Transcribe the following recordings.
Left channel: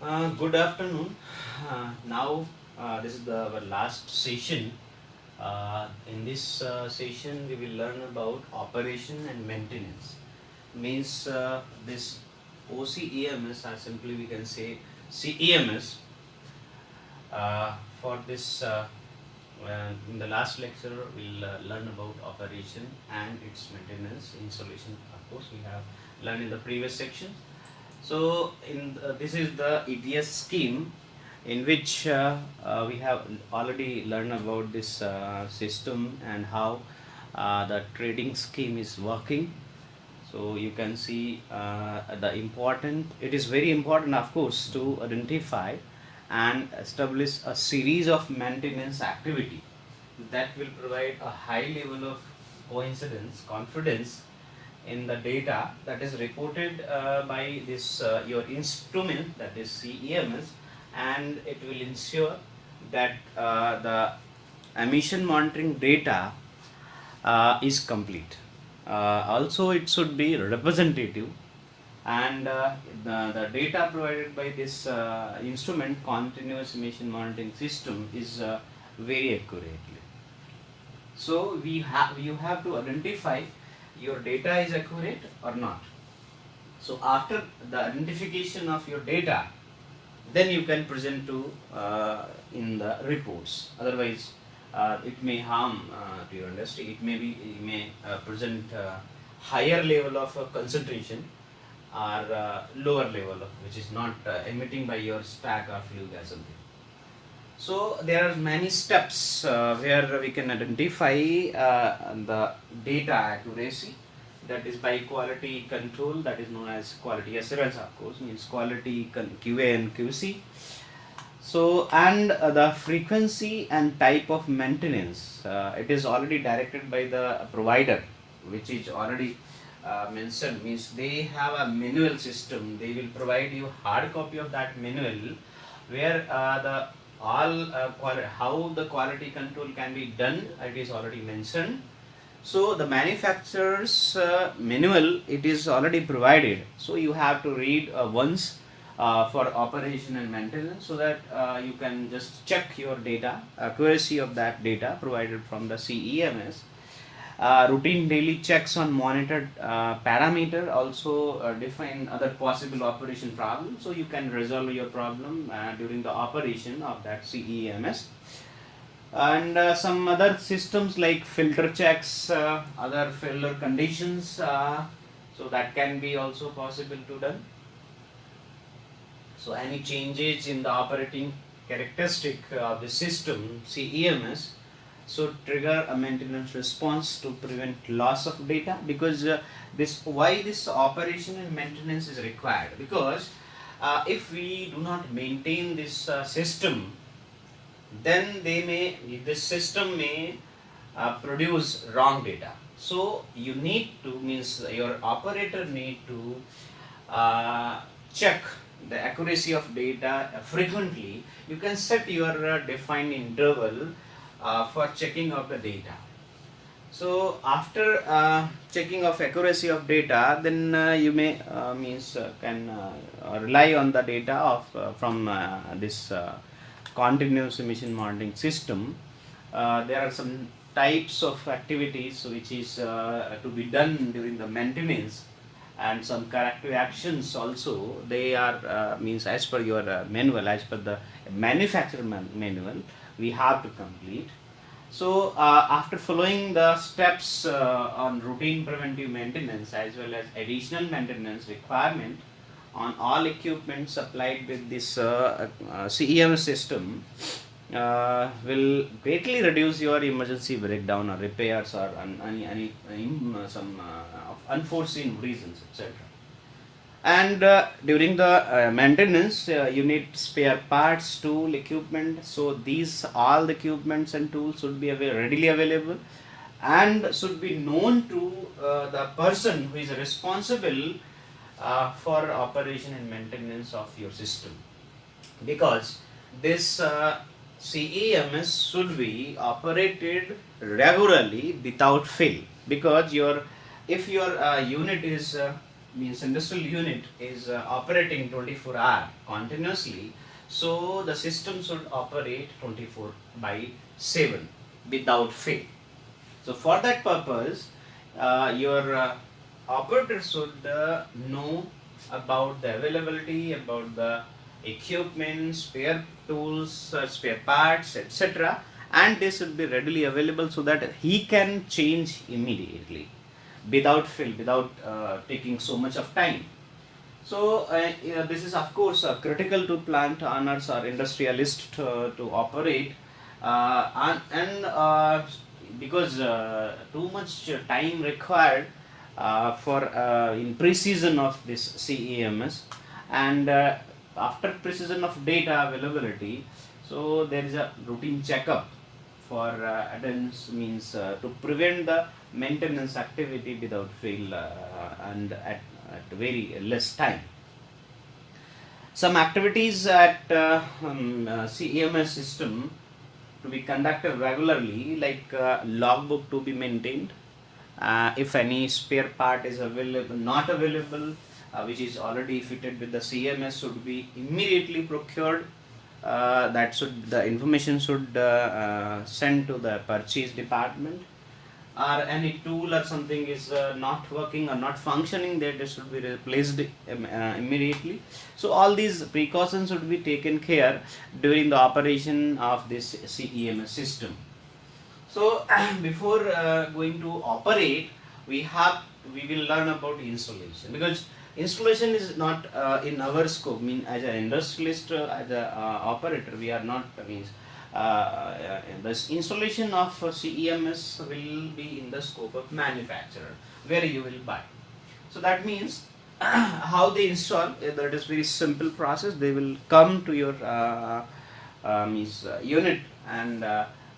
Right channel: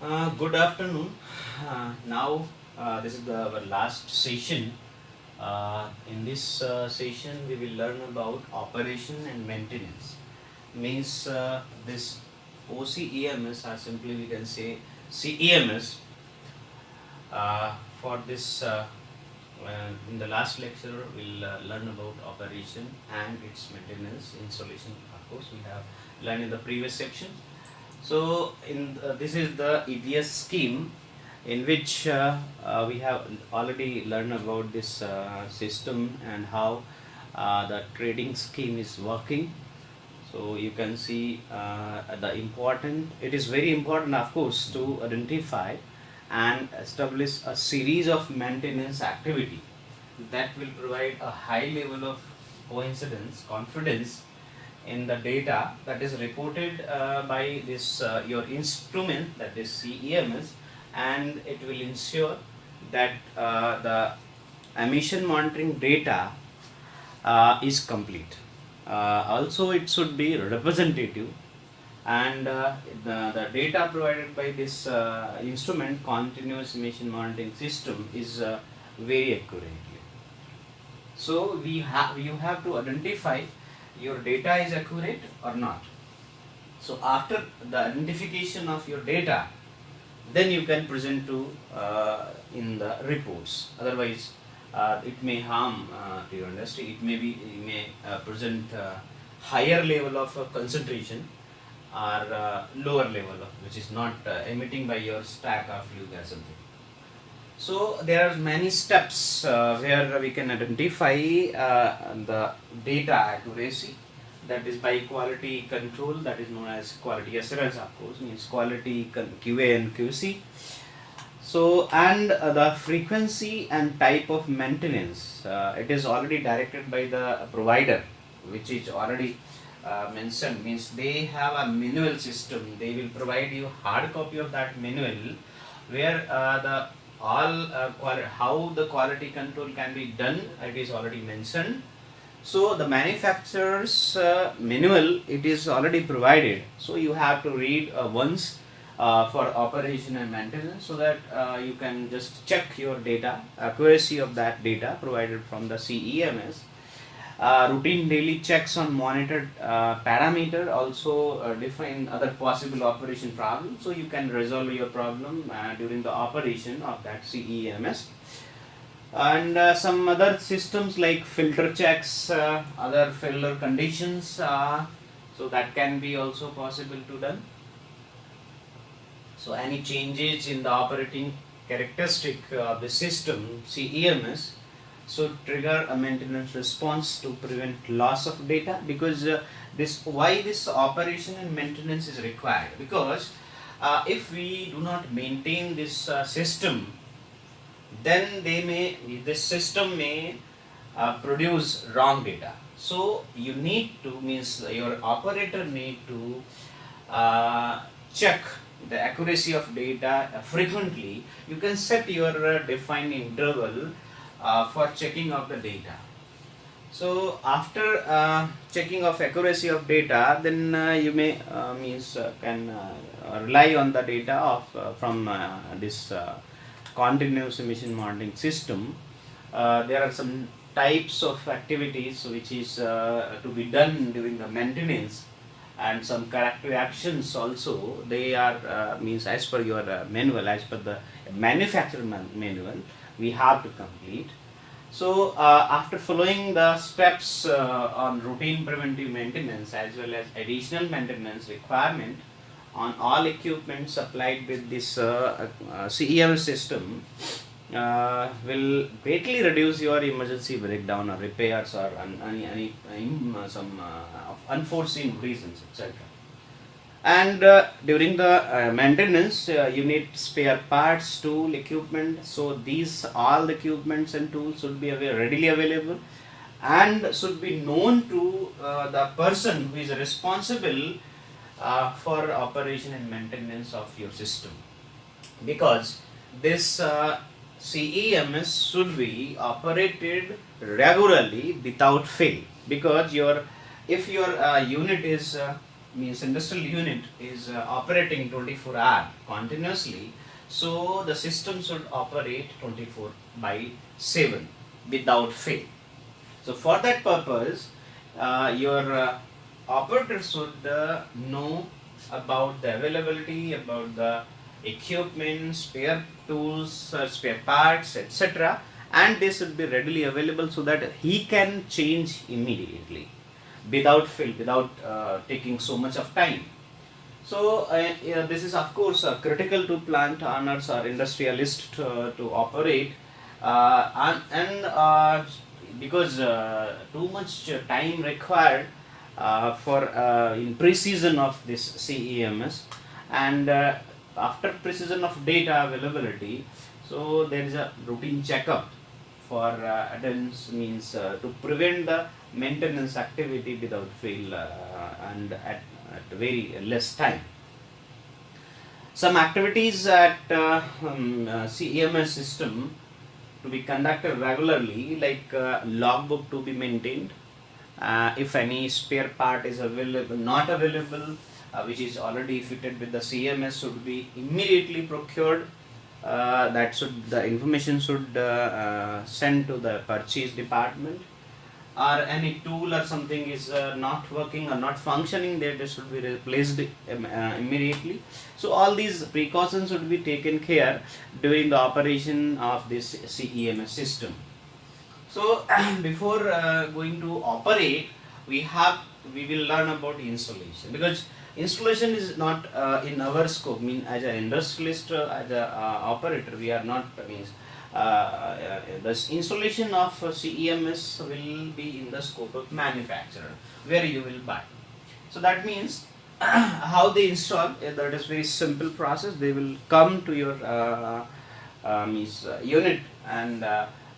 Good afternoon. Now, this is our last session. In this session, we will learn about operation and maintenance. Means this OCEMS, or simply we can say CEMS. For this, in the last lecture, we'll learn about operation and its maintenance installation. Of course, we have learned in the previous section. So, this is the EPS scheme in which we have already learned about this system and how the trading scheme is working. So you can see it is very important, of course, to identify and establish a series of maintenance activity that will provide a high level of confidence in the data that is reported by this your instrument, that is CEMS, and it will ensure that the emission monitoring data is complete. Also, it should be representative, and the data provided by this instrument, continuous emission monitoring system, is very accurately. So you have to identify your data is accurate or not. So after the identification of your data, then you can present to in the reports. Otherwise, it may harm to your industry. It may present higher level of concentration or lower level of which is not emitting by your stack or flue gas something. So there are many steps where we can identify the data accuracy, that is by quality control, that is known as quality assurance, of course, means quality QA and QC. So, and the frequency and type of maintenance, it is already directed by the provider, which is already mentioned, means they have a manual system. They will provide you hard copy of that manual where how the quality control can be done, it is already mentioned. So the manufacturer's manual, it is already provided, so you have to read once for operation and maintenance, so that you can just check your data, accuracy of that data provided from the CEMS. Routine daily checks on monitored parameter also define other possible operation problems, so you can resolve your problem during the operation of that CEMS. And some other systems like filter checks, other failure conditions, so that can be also possible to done. So any changes in the operating characteristic of the system CEMS should trigger a maintenance response to prevent loss of data, because this operation and maintenance is required, because if we do not maintain this system, then this system may produce wrong data. So you need to, means your operator need to check the accuracy of data frequently. You can set your defined interval for checking of the data. So after checking of accuracy of data, then you may can rely on the data of from this continuous emission monitoring system. There are some types of activities which is to be done during the maintenance, and some corrective actions also. They are as per your manual, as per the manufacturer manual, we have to complete. So after following the steps on routine preventive maintenance as well as additional maintenance requirement on all equipment supplied with this CEMS system, will greatly reduce your emergency breakdown or repairs or some unforeseen reasons, etc. And during the maintenance, you need spare parts, tool, equipment. So these all the equipments and tools should be readily available and should be known to the person who is responsible for operation and maintenance of your system, because this CEMS should be operated regularly without fail, because if your unit is means industrial unit is operating 24 hours continuously, so the system should operate 24 by 7 without fail. So for that purpose, your operator should know about the availability, about the equipment, spare tools, spare parts, etc., and they should be readily available so that he can change immediately without fail, without taking so much of time. So yeah, this is of course critical to plant owners or industrialists to operate, and because too much time required for in precision of this CEMS, and after precision of data availability, so there is a routine checkup for attendance, means to prevent the maintenance activity without fail, and at very less time. Some activities at CEMS system to be conducted regularly, like logbook to be maintained. If any spare part is available, not available, which is already fitted with the CMS, should be immediately procured. That should, the information should send to the purchase department. Or any tool or something is not working or not functioning, that it should be replaced immediately. So all these precautions should be taken care during the operation of this CEMS system. So before going to operate, we will learn about installation, because installation is not in our scope. I mean, as an industrialist, as an operator, we are not, means this installation of CEMS will be in the scope of manufacturer, where you will buy. So that means how they install, that is very simple process. They will come to your unit, and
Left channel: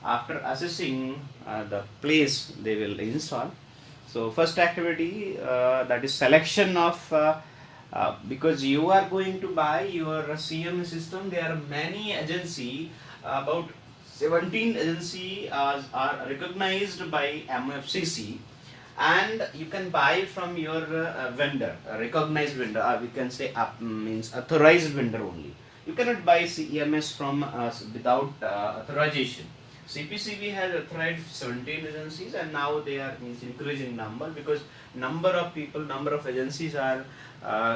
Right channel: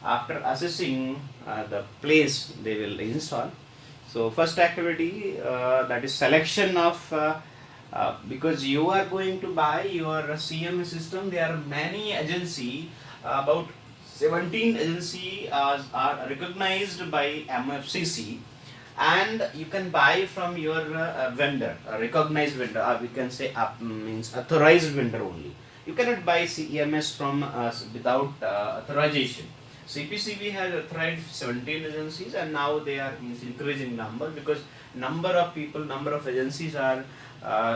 after assessing the place, they will install. So first activity, that is selection of because you are going to buy your CMS system. There are many agency, about 17 agency are recognized by MFCC, and you can buy from your vendor, a recognized vendor, or we can say means authorized vendor only. You cannot buy CEMS from without authorization. CPCB has authorized 17 agencies, and now they are increasing number, because number of people, number of agencies are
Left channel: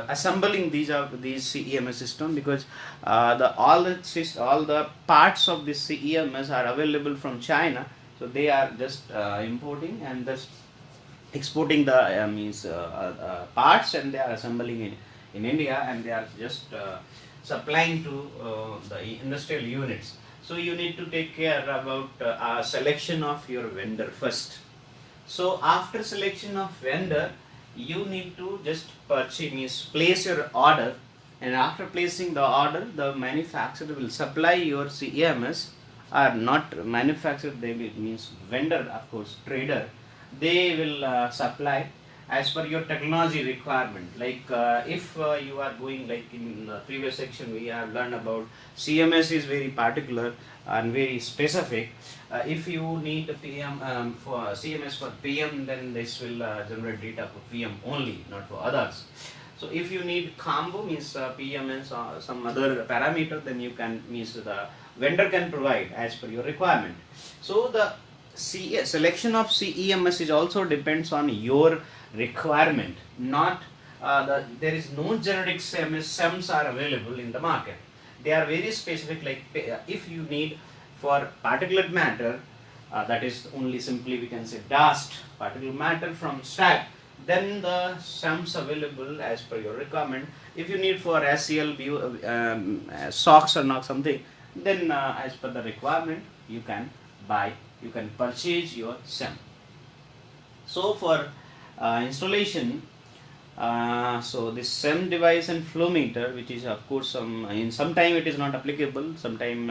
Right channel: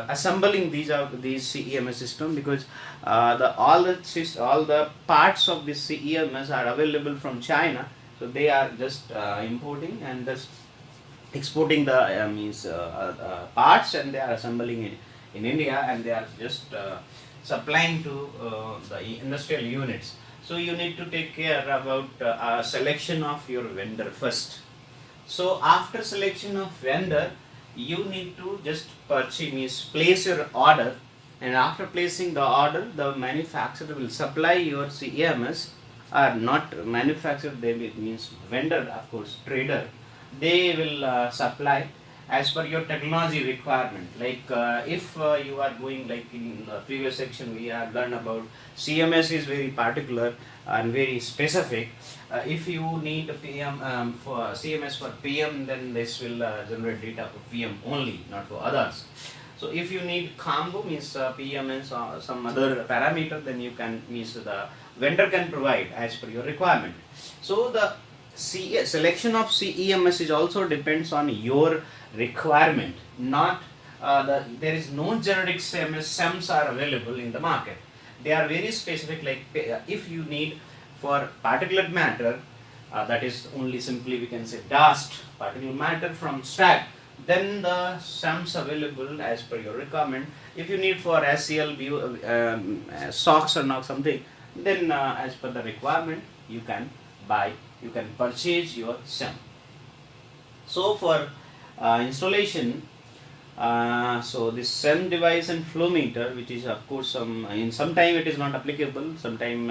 assembling these CEMS system, because all the parts of this CEMS are available from China, so they are just importing and just exporting the parts, and they are assembling in India, and they are just supplying to the industrial units. So you need to take care about selection of your vendor first. So after selection of vendor, you need to just place your order, and after placing the order, the manufacturer will supply your CEMS, or not manufacturer, they will, means vendor, of course, trader, they will supply as per your technology requirement. Like if you are going, like in the previous section we have learned about CMS is very particular and very specific. If you need PM for CMS for PM, then this will generate data for PM only, not for others. So if you need combo, means PMS or some other parameter, then you can, means the vendor can provide as per your requirement. So the selection of CEMS is also depends on your requirement, not there is no generic SEMS are available in the market. They are very specific. Like if you need for particulate matter, that is only simply we can say dust, particulate matter from stack, then the SEMS available as per your requirement. If you need for SCL SOX or not something, then as per the requirement you can buy, you can purchase your SEM. So for installation, so this SEM device and flow meter, which is of course in some time it is not applicable, sometime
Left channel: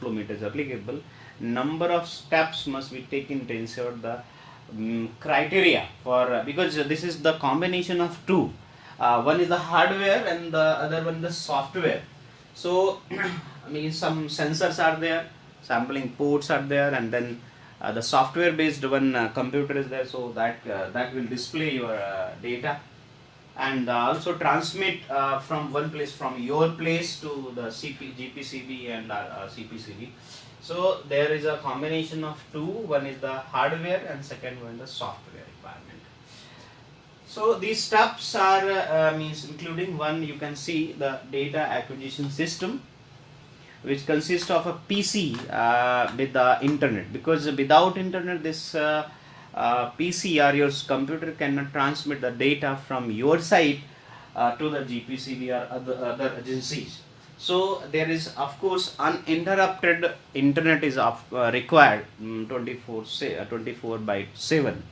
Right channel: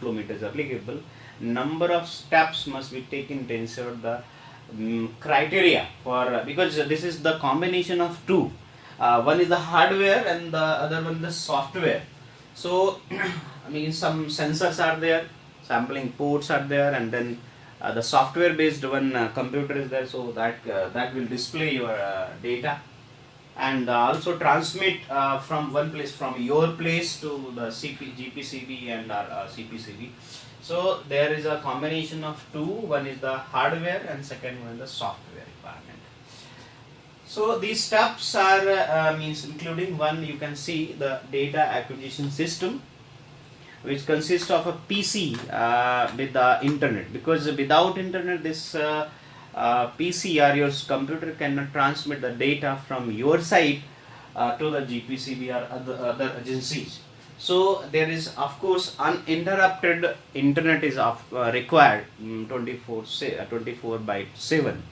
flow meter is applicable. Number of steps must be taken to ensure the criteria for because this is the combination of two. One is the hardware and the other one the software. So I mean, some sensors are there, sampling ports are there, and then the software based one computer is there, so that will display your data. and also transmit from one place, from your place to the GPCB and CPCB. So there is a combination of two. One is the hardware and second one the software requirement. So these steps are means including one, you can see the data acquisition system, which consists of a PC with the internet, because without internet this PC or your computer cannot transmit the data from your side to the GPCB or other agencies. So there is of course uninterrupted internet is required 24 by 7.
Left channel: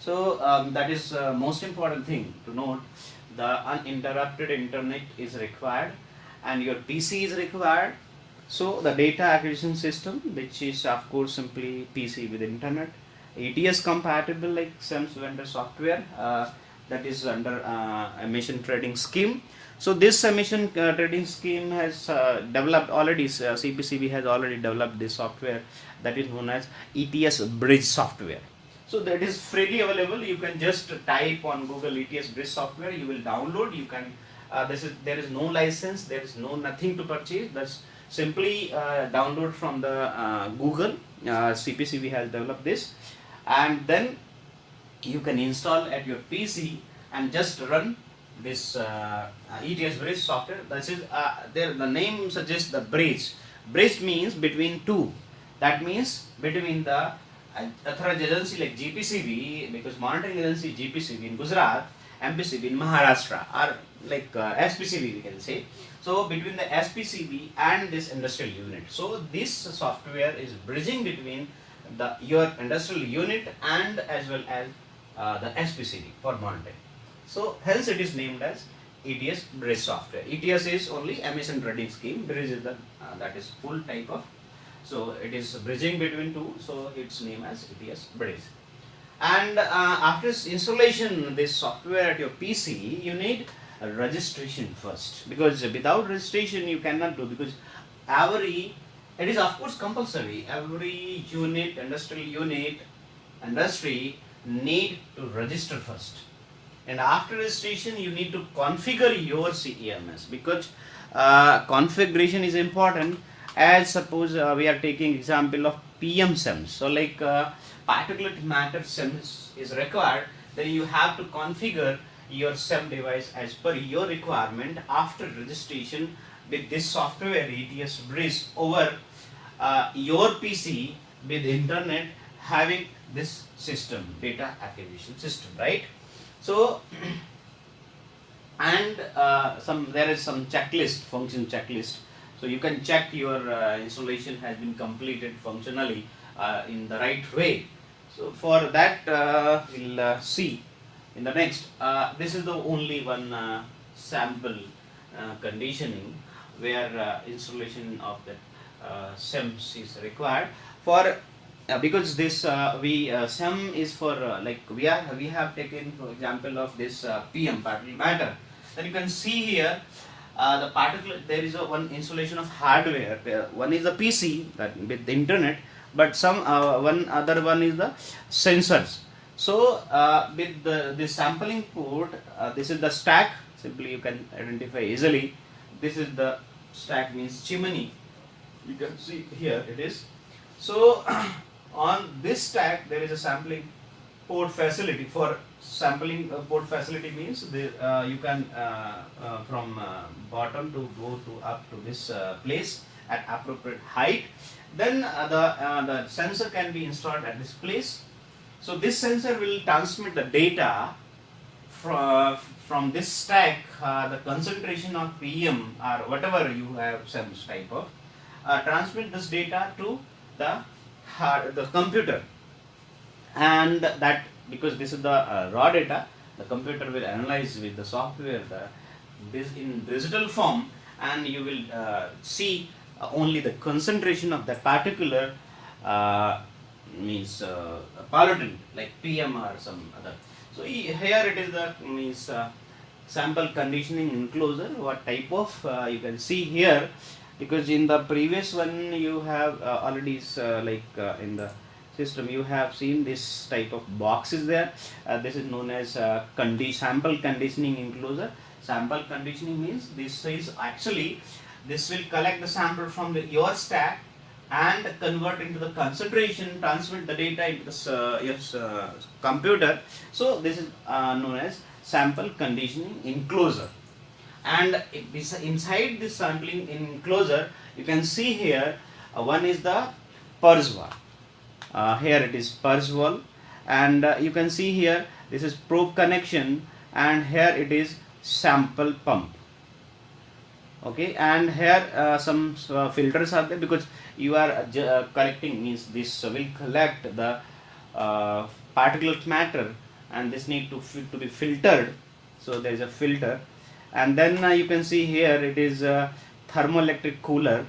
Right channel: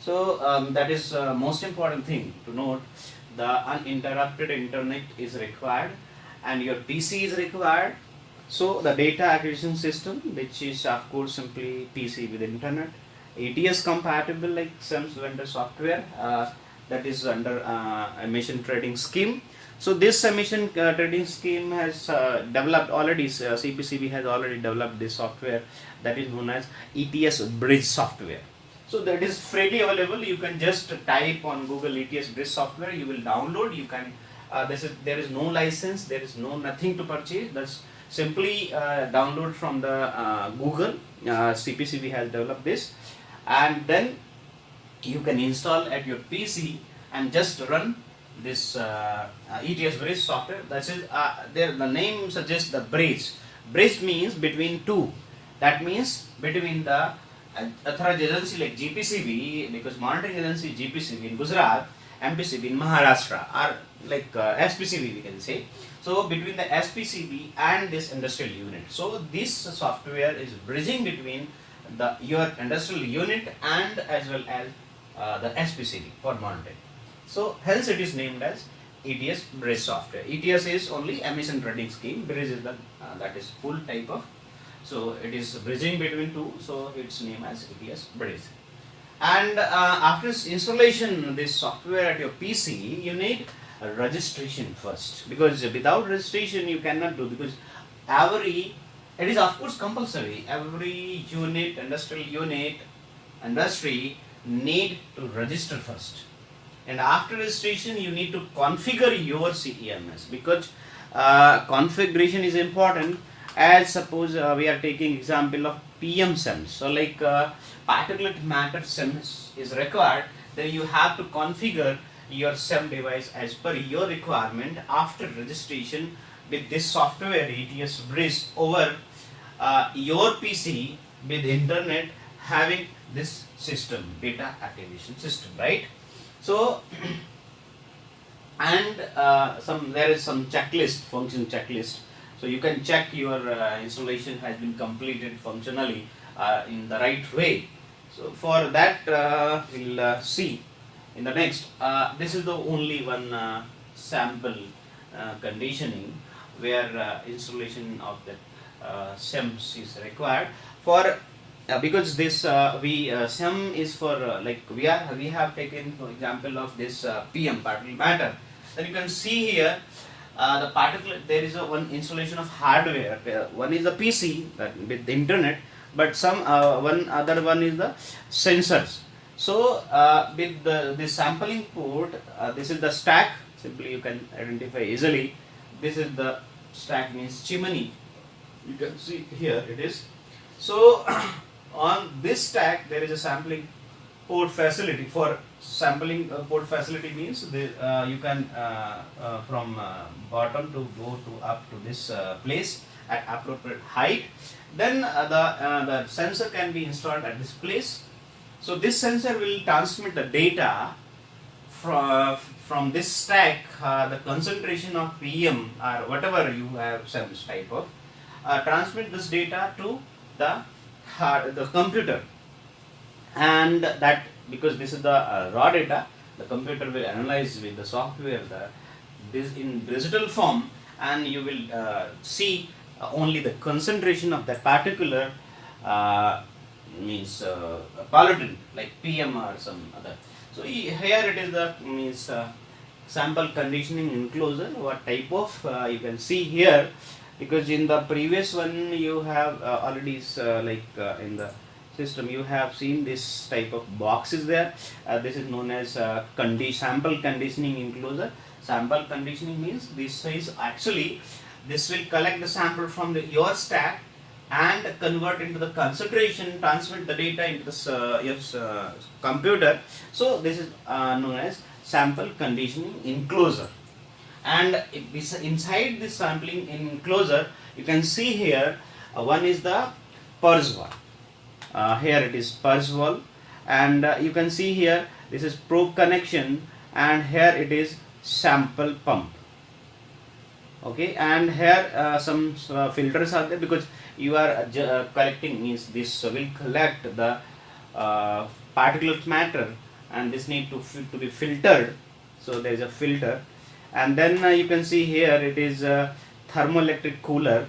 So that is most important thing to note. The uninterrupted internet is required and your PC is required. So the data acquisition system, which is of course simply PC with internet, ATS compatible like OCEMS vendor software, that is under emission trading scheme. So this emission trading scheme has developed already, CPCB has already developed this software that is known as ETS bridge software. So that is freely available. You can just type on Google ETS bridge software, you will download. You can there is no license, there is nothing to purchase. That's simply download from the Google. CPCB has developed this, and then you can install at your PC and just run this ETS bridge software. That is there. The name suggests the bridge. Bridge means between two. That means between the authorized agency like GPCB, because monitoring agency GPCB in Gujarat, MPCB in Maharashtra, or like SPCB we can say. So between the SPCB and this industrial unit. So this software is bridging between your industrial unit and as well as the SPCB for monitoring. So hence it is named as ETS bridge software. ETS is only emission trading scheme. Bridge is the that is full type of. So it is bridging between two. So it's named as ETS bridge. And after installation this software at your PC, you need a registration first, because without registration you cannot do, because it is of course compulsory. Every unit, industrial unit, industry need to register first, and after registration you need to configure your CEMS, because configuration is important. As suppose we are taking example of PM SEMS. So like particulate matter SEMS is required, then you have to configure your SEM device as per your requirement after registration with this software ETS bridge over your PC with internet having this system, data acquisition system, right? So and there is some checklist, function checklist. So you can check your installation has been completed functionally in the right way. So for that we'll see in the next. This is the only one sample conditioning where installation of the SEMS is required for because this SEM is for like we have taken for example of this PM particle matter. Then you can see here the particle, there is one installation of hardware. One is the PC that with the internet, but one other one is the sensors. So with the sampling port, this is the stack. Simply you can identify easily. This is the stack, means chimney. You can see here it is. So on this stack there is a sampling port facility. For sampling port facility means you can from bottom to go to up to this place at appropriate height. Then the sensor can be installed at this place. So this sensor will transmit the data from this stack, the concentration of PM or whatever you have SEMS type of, transmit this data to the computer, and that because this is the raw data, the computer will analyze with the software this in digital form, and you will see only the concentration of that particular means pollutant like PM or some other. So here it is the means sample conditioning enclosure. What type of you can see here, because in the previous one you have already like in the system, you have seen this type of box is there. This is known as sample conditioning enclosure. Sample conditioning means this is actually, this will collect the sample from your stack and convert into the concentration, transmit the data into the your computer. So this is known as sample conditioning enclosure. And inside this sampling enclosure, you can see here one is the purge wall. Here it is purge wall, and you can see here this is probe connection, and here it is sample pump. Okay, and here some filters are there, because you are collecting, means this will collect the particulate matter, and this need to be filtered. So there is a filter, and then you can see here it is a thermoelectric cooler,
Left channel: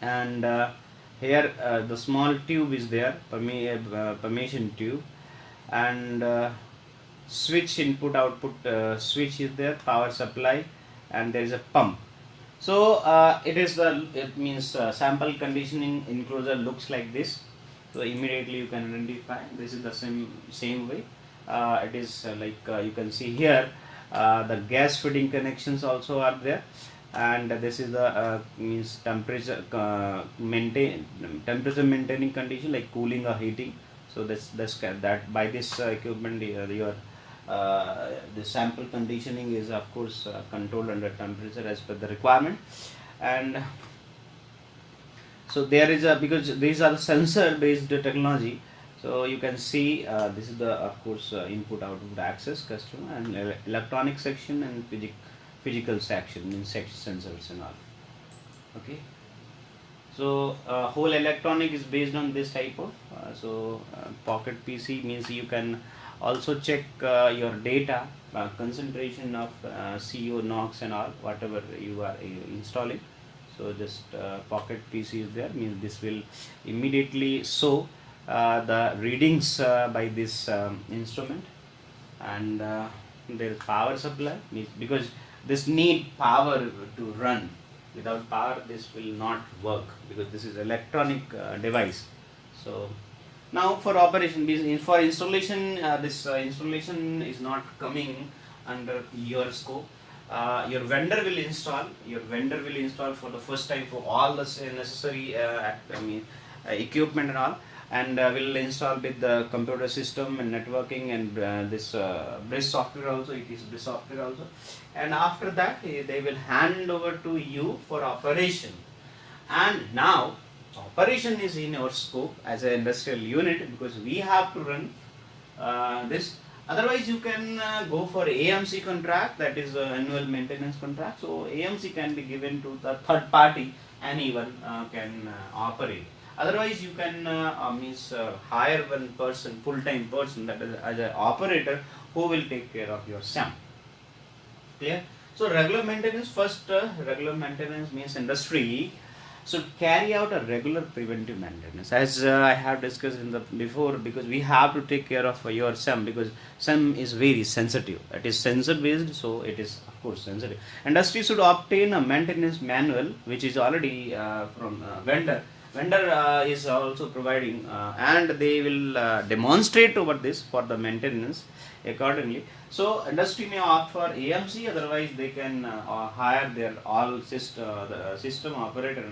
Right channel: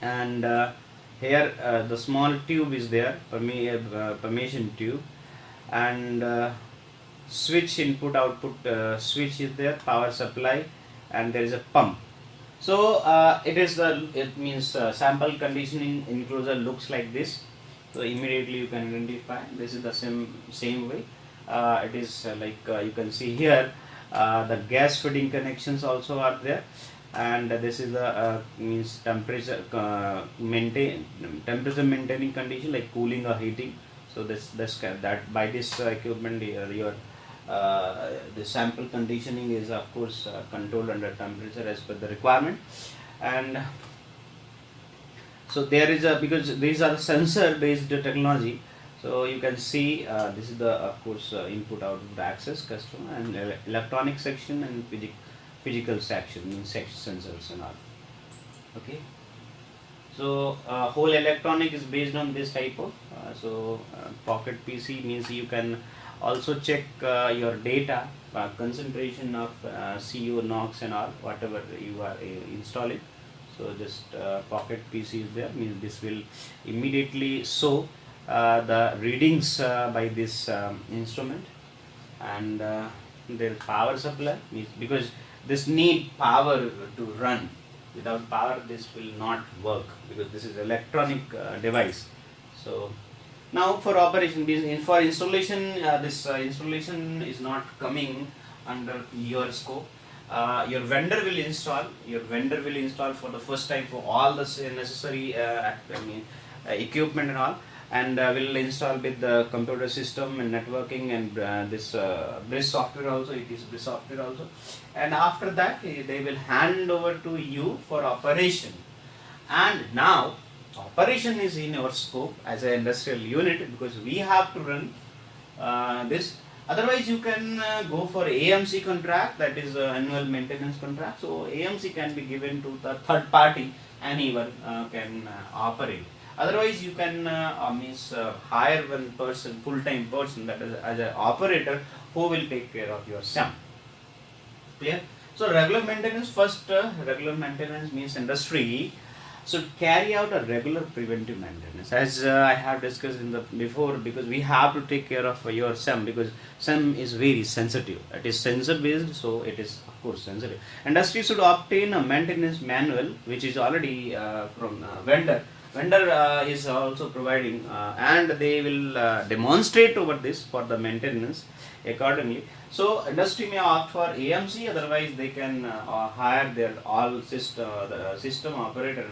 and here the small tube is there, permeation tube, and switch, input output switch is there, power supply, and there is a pump. So it means sample conditioning enclosure looks like this. So immediately you can identify this is the same way. It is like you can see here the gas feeding connections also are there, and this is the means temperature maintaining condition, like cooling or heating. So that by this equipment your the sample conditioning is of course controlled under temperature as per the requirement. And so there is because these are sensor based technology, so you can see this is the of course input output access customer, and electronic section, and physical section, means sensors and all. Okay, so whole electronic is based on this type of pocket PC, means you can also check your data concentration of CO, NOx and all, whatever you are installing. So just pocket PC is there, means this will immediately show the readings by this instrument. And there is power supply, means because this need power to run. Without power this will not work, because this is electronic device. So now for operation, for installation, this installation is not coming under your scope. Your vendor will install. For the first time for all the necessary equipment and all, and will install with the computer system and networking, and this BRIS software also. It is BRIS software also, and after that they will hand over to you for operation. And now operation is in our scope as an industrial unit, because we have to run this. Otherwise you can go for AMC contract, that is annual maintenance contract. So AMC can be given to the third party, anyone can operate. Otherwise you can hire one person, full-time person, that is as an operator, who will take care of your SEM. Clear? So regular maintenance, first regular maintenance means industry should carry out a regular preventive maintenance, as I have discussed in the before, because we have to take care of your SEM, because SEM is very sensitive. It is sensor based, so it is of course sensitive. Industry should obtain a maintenance manual, which is already from vendor. Vendor is also providing, and they will demonstrate over this for the maintenance accordingly. So industry may opt for AMC, otherwise they can hire their all system operator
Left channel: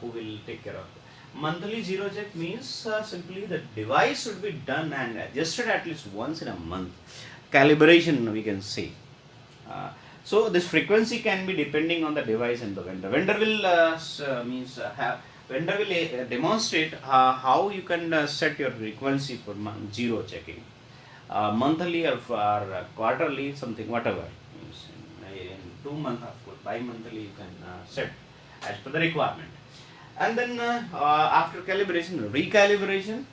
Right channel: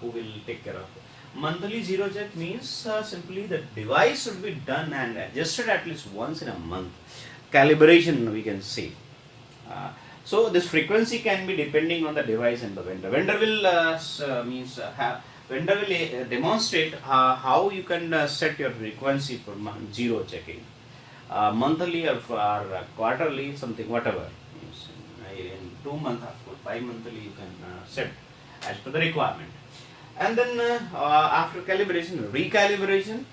who will take care of it. Monthly zero check means simply the device should be done and adjusted at least once in a month. Calibration we can say. So this frequency can be depending on the device and the vendor. Vendor will demonstrate how you can set your frequency for zero checking. Monthly or quarterly, something, whatever. In 2 months, of course, bi-monthly you can set as per the requirement. And then after calibration, recalibration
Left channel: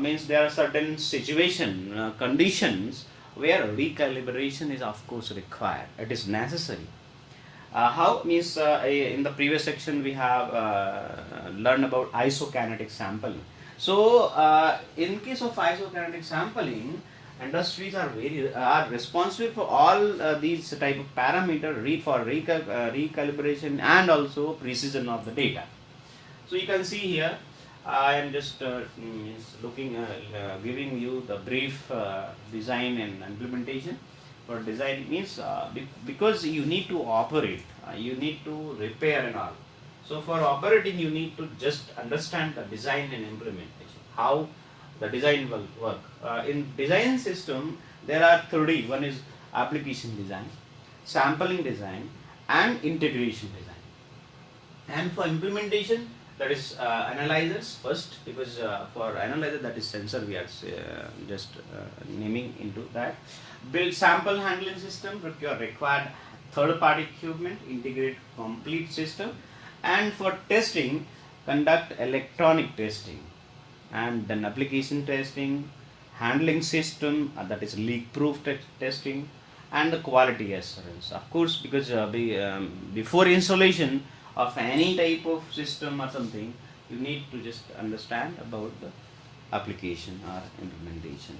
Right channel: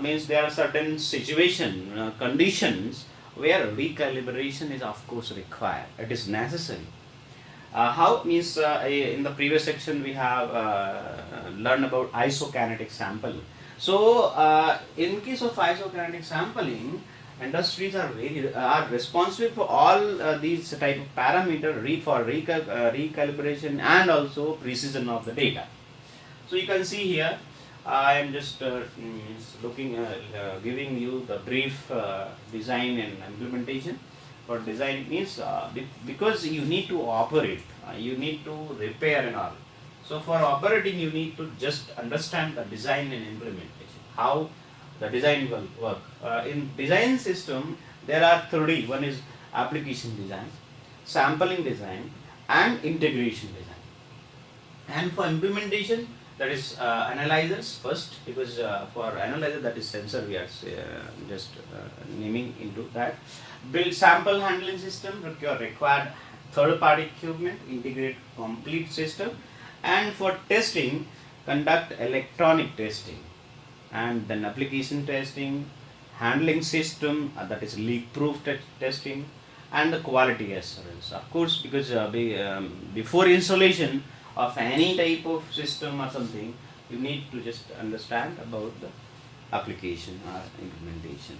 means there are certain conditions where recalibration is of course required. It is necessary. How means in the previous section we have learned about isokinetic sampling. So in case of isokinetic sampling, industries are responsible for all these type of parameter for recalibration and also precision of the data. So you can see here I am just giving you the brief design and implementation. For design means because you need to operate, you need to repair and all. So for operating, you need to just understand the design and implementation, how the design will work. In design system, there are three. One is application design, sampling design, and integration design. And for implementation, that is analyzers first, because for analyzer, that is sensor, we are just naming into that. Build sample handling system, required third party equipment, integrate complete system. And for testing, conduct electronic testing, and then application testing, handling system, that is leak proof testing, and the quality assurance. Of course, because before installation of any type of system or something, you need to just understand about the application or implementation.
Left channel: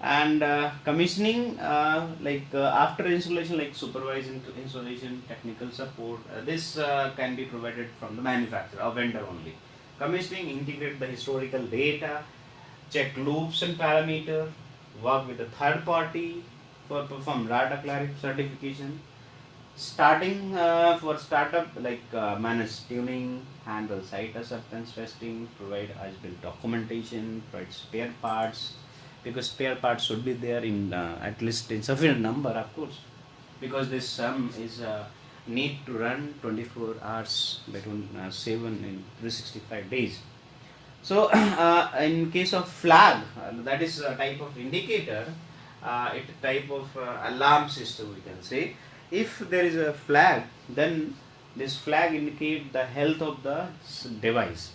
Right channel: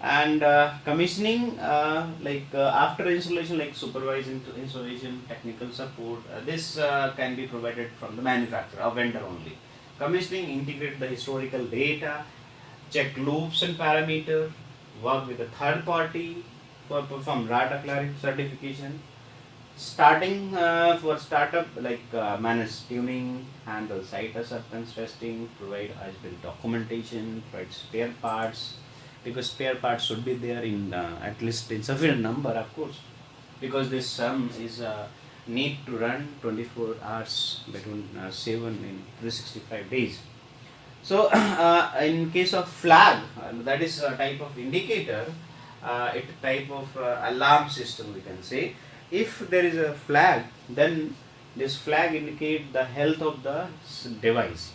And commissioning, after installation, like supervising installation, technical support, this can be provided from the manufacturer or vendor only. Commissioning, integrate the historical data, check loops and parameter, work with the third party for perform data clarity certification. Starting for startup, manage tuning, handle site acceptance testing, provide as-built documentation, provide spare parts, because spare parts should be there in at least in sufficient number, of course, because this sum is need to run 24 hours between 7 and 365 days. So in case of flag, that is a type of indicator, it type of alarm system, we can say. If there is a flag, then this flag indicates the health of the device.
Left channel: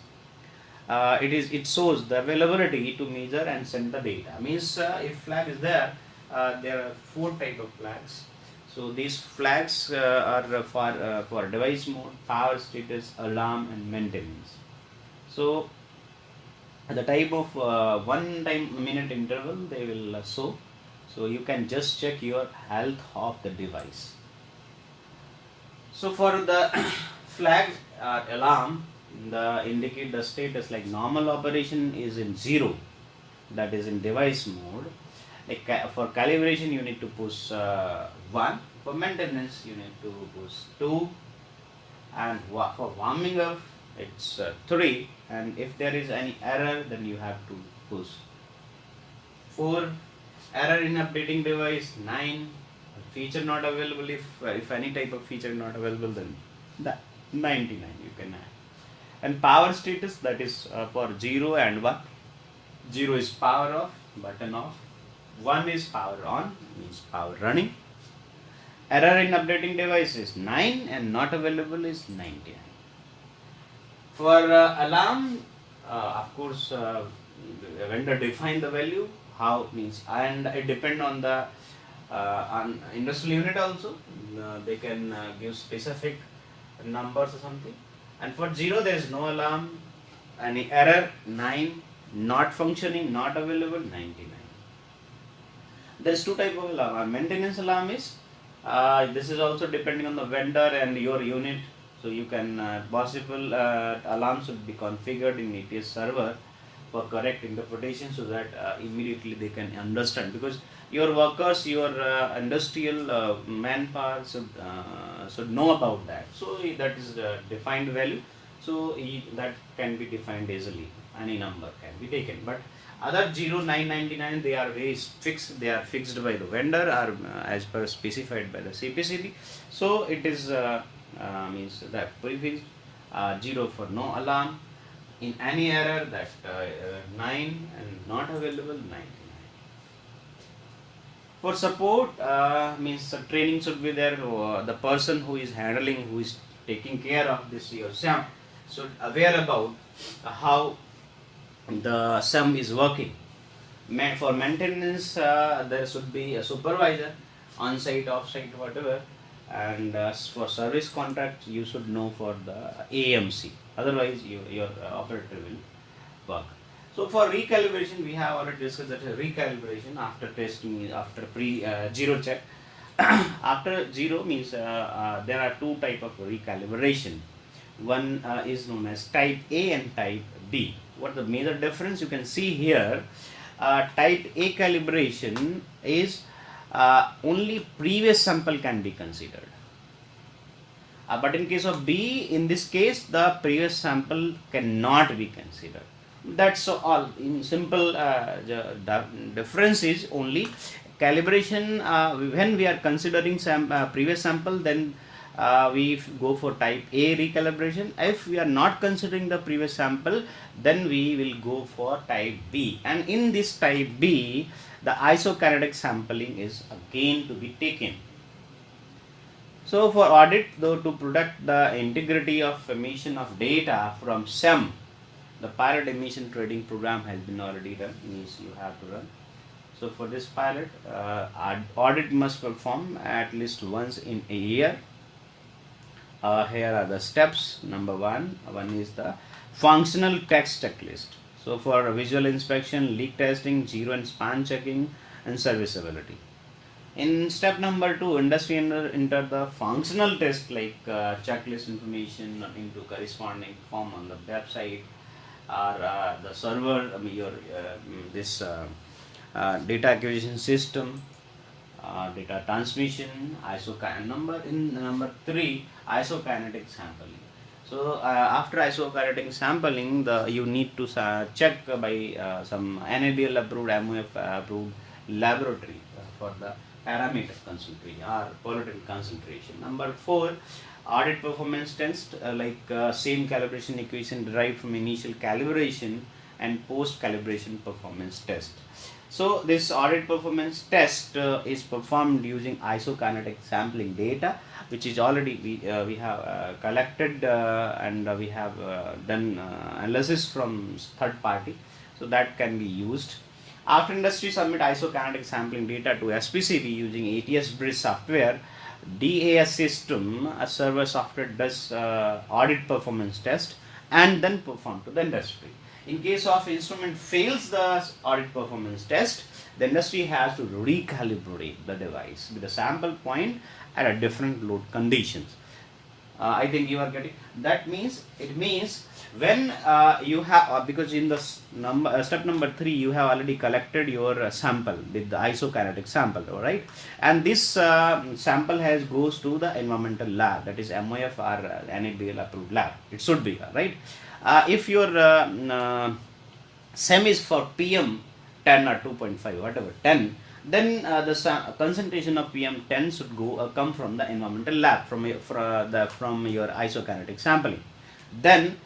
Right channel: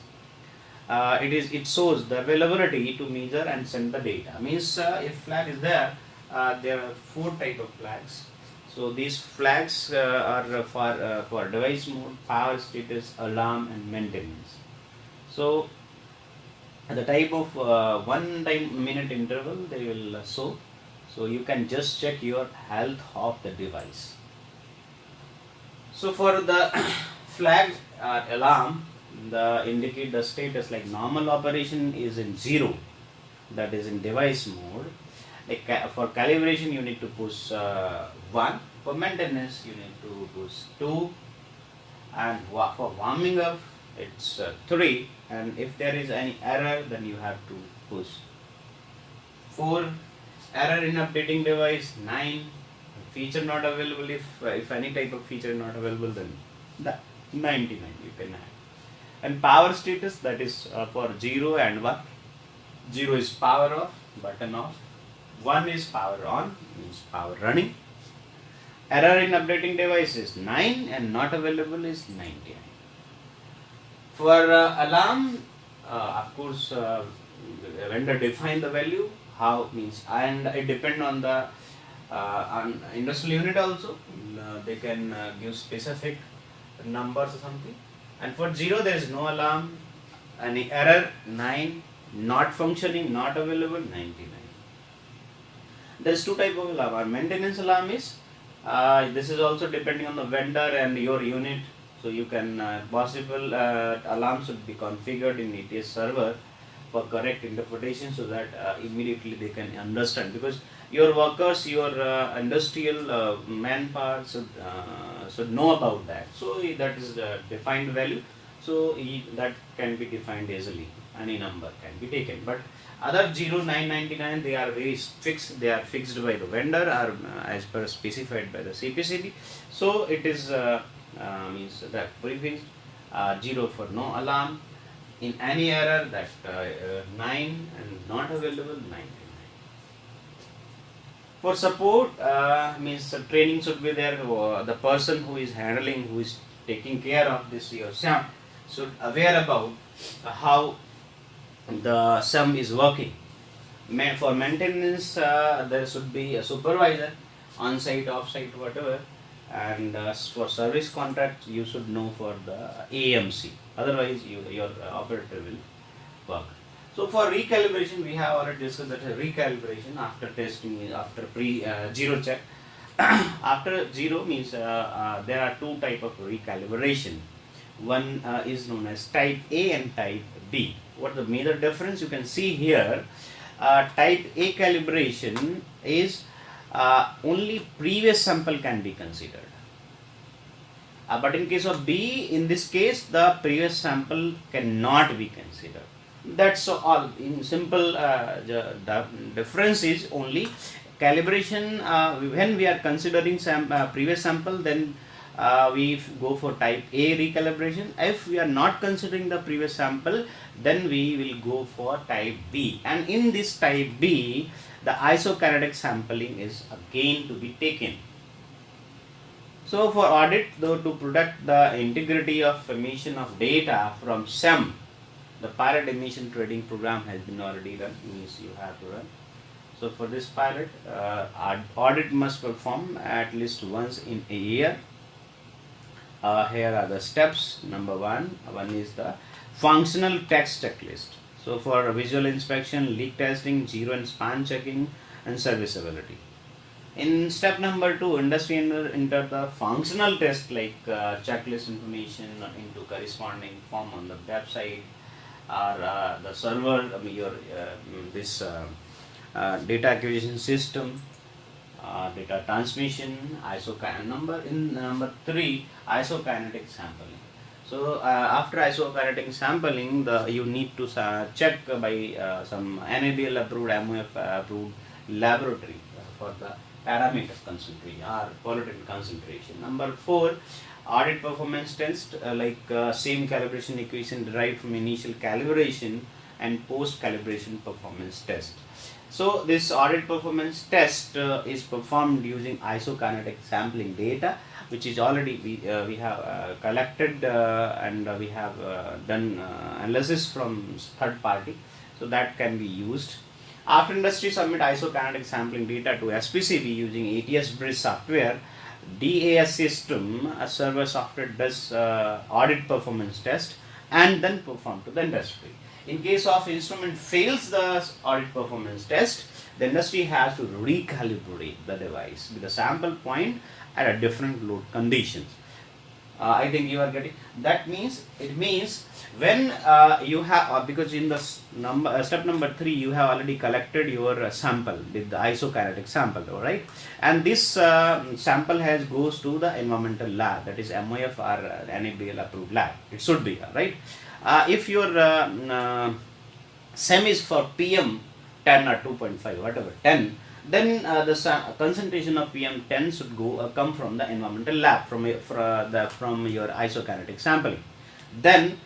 It shows the availability to measure and send the data. Means if flag is there, there are 4 type of flags. So these flags are for device mode, power status, alarm, and maintenance. So the type of 1 minute interval they will show. So you can just check your health of the device. So for the flag alarm, indicate the status, like normal operation is in 0, that is in device mode. Like for calibration, you need to push 1. For maintenance, you need to push 2. And for warming up, it's 3. And if there is any error, then you have to push 4. Error in updating device, 9. Feature not available, if any type of feature not available, then the 99 you can have. And power status, that is for 0 and 1. 0 is power off, button off. 1 is power on, means power running. Error in updating device is 9 and not available is 99. For alarm, of course, vendor define the value, how means, and it depend on the on industrial unit also. They can give specific numbers or something. And for 0, there is no alarm. Any error, 9. Not functioning, not available, 99. There's 2 type of alarm. Our maintenance alarm is, this is also depending on the vendor and your unit. So you can, possible alarm should be configured in ATS server for correct interpretation, so that immediately they can understand, because your workers, your industrial manpower should know about that. So that is the defined value. So that can be defined easily. Any number can be taken. But other 0, 9, 99, they are very fixed. They are fixed by the vendor or as per specified by the CPCB. So it is means that prefix 0 for no alarm. In any error, that 9 and not available, 99. For support, means the training should be there. The person who is handling, who is taking care of this your SAM, should aware about how the SAM is working. For maintenance, there should be a supervisor, on-site, off-site, whatever. And for service contract, you should know for the AMC. Otherwise, your operator will work. So for recalibration, we have already discussed that recalibration after testing, after zero check. After 0 means there are 2 type of recalibration. One is known as type A and type B. What the major difference you can see here? Type A calibration is only previous sample can be considered. But in case of B, in this case, the previous sample cannot be considered. That's all. In simple, the difference is only calibration. When we are considering previous sample, then we go for type A recalibration. If we are not considering the previous sample, then we will go for type B. And in this type B, the isokinetic sampling is again to be taken. So for audit, though, to protect the integrity of emission of data from SEM, the pilot emission trading program has been already run, means you have to run. So for this pilot, audit must perform at least once in a year. Here are the steps. Number one is the functional text checklist. So for visual inspection, leak testing, zero and span checking, and serviceability. In step number 2, industry enter the functional test like checklist information into corresponding form on the website or the server, data acquisition system, data transmission, number 3, isokinetic sampling. So after isokinetic sampling, you need to check by some NABL approved, MOF approved laboratory for the parameter concentration or pollutant concentration. Number 4, audit performance test same calibration equation derived from initial calibration and post calibration performance test. So this audit performance test is performed using isokinetic sampling data, which is already we have collected and we have done analysis from third party, so that can be used. After industry submit isokinetic sampling data to SPCB using ATS Bridge software, DAS system, a server software does audit performance test and then perform to the industry. In case of instrument fails the audit performance test, the industry has to recalibrate the device with a sample point at a different load conditions. I think you are getting. That means it means when you have because in the step number 3 you have already collected your sample with the isokinetic sample, right? And this sample goes to the environmental lab, that is MOF or NABL approved lab. It should be, right? If your SEM is for PM 10 or 2.5, whatever 10. Then the concentration of PM10 should come from the environmental lab from your isokinetic sampling. Then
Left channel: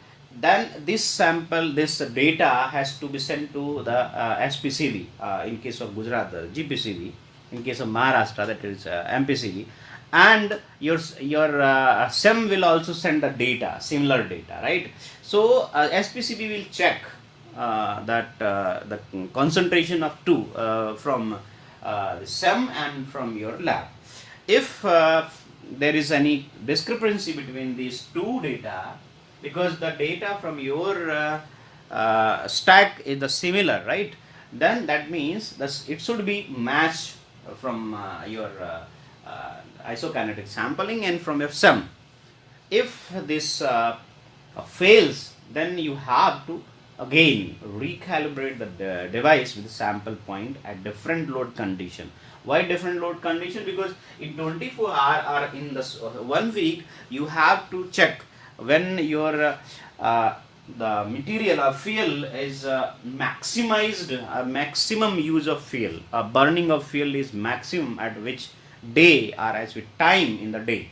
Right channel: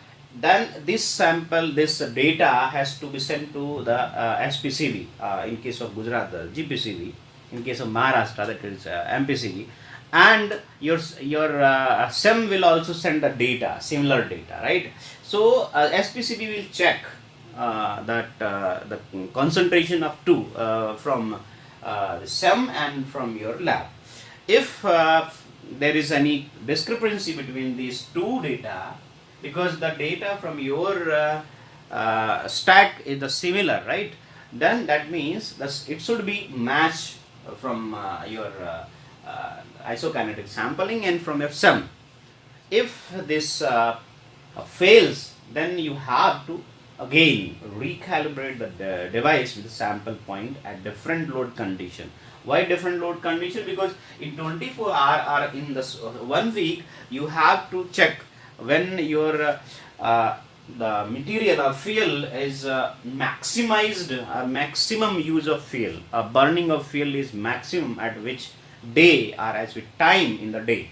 this data has to be sent to the SPCB in case of Gujarat, the GPCB, in case of Maharashtra, that is MPCB, and your SEM will also send the data, similar data, right? So SPCB will check that the concentration of from SEM and from your lab. If there is any discrepancy between these two data, because the data from your stack is the similar, right? Then that means it should be matched from your isokinetic sampling and from your SEM. If this fails, then you have to again recalibrate the device with the sample point at different load condition. Why different load condition? Because in 24 hour or in this 1 week you have to check when your the material or fuel is maximized, maximum use of fuel, burning of fuel is maximum at which day or as with time in the day.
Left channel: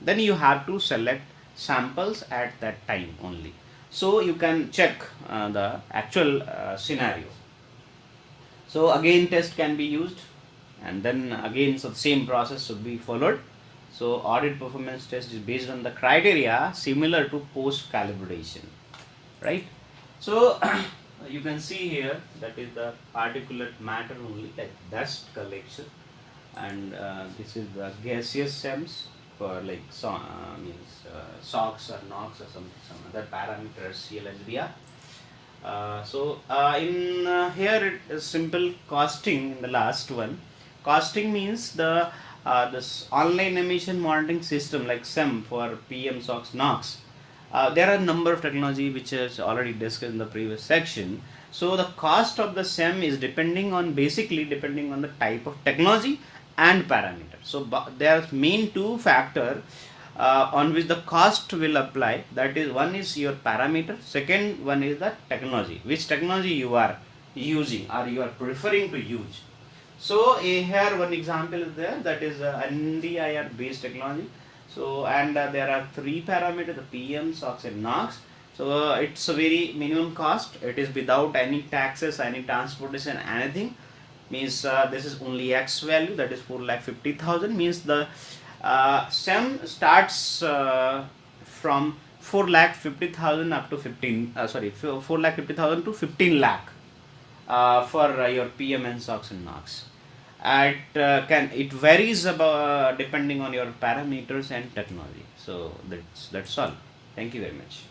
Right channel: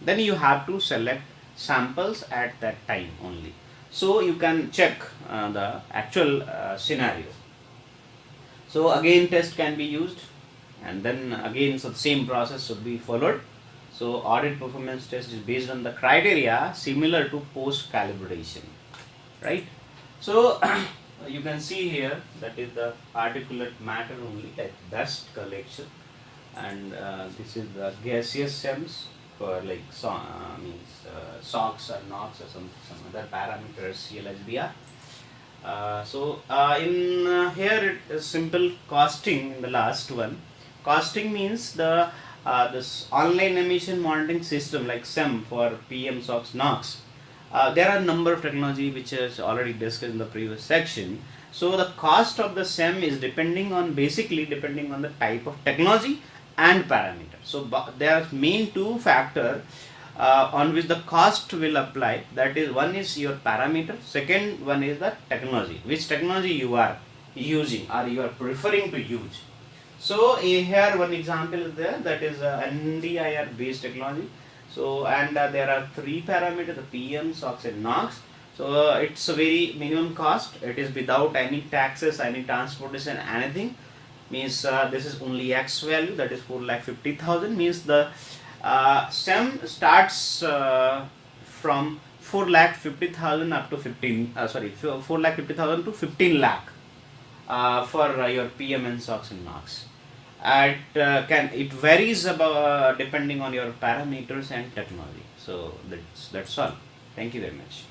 Then you have to select samples at that time only. So you can check the actual scenario. So again test can be used, and then again so the same process should be followed. So audit performance test is based on the criteria similar to post calibration, right? So you can see here that is the particulate matter only, like dust collection, and this is the gaseous SEMS for like SOx or NOx or some other parameters, CLHBR. In here it is simple costing in the last one. Costing means this online emission monitoring system like SEM for PM, SOx, NOx There are a number of technology which is already discussed in the previous section. So the cost of the SEM is basically depending on the type of technology and parameter. So there are main two factor on which the cost will apply. That is, one is your parameter, second one is the technology, which technology you are using or you are preferring to use. So here one example is there, that is NDIR based technology. So and there are three parameters: the PM, SOX and NOx. So it's a very minimum cost. It is without any taxes, any transportation, anything. Means this is only X value, that is 4,50,000. Means the SEM starts from 4,50,000 up to 4,50,000 to 15 lakh for your PM and SOX and NOx. It varies about depending on your parameters and technology. So that's all. Thank you very much.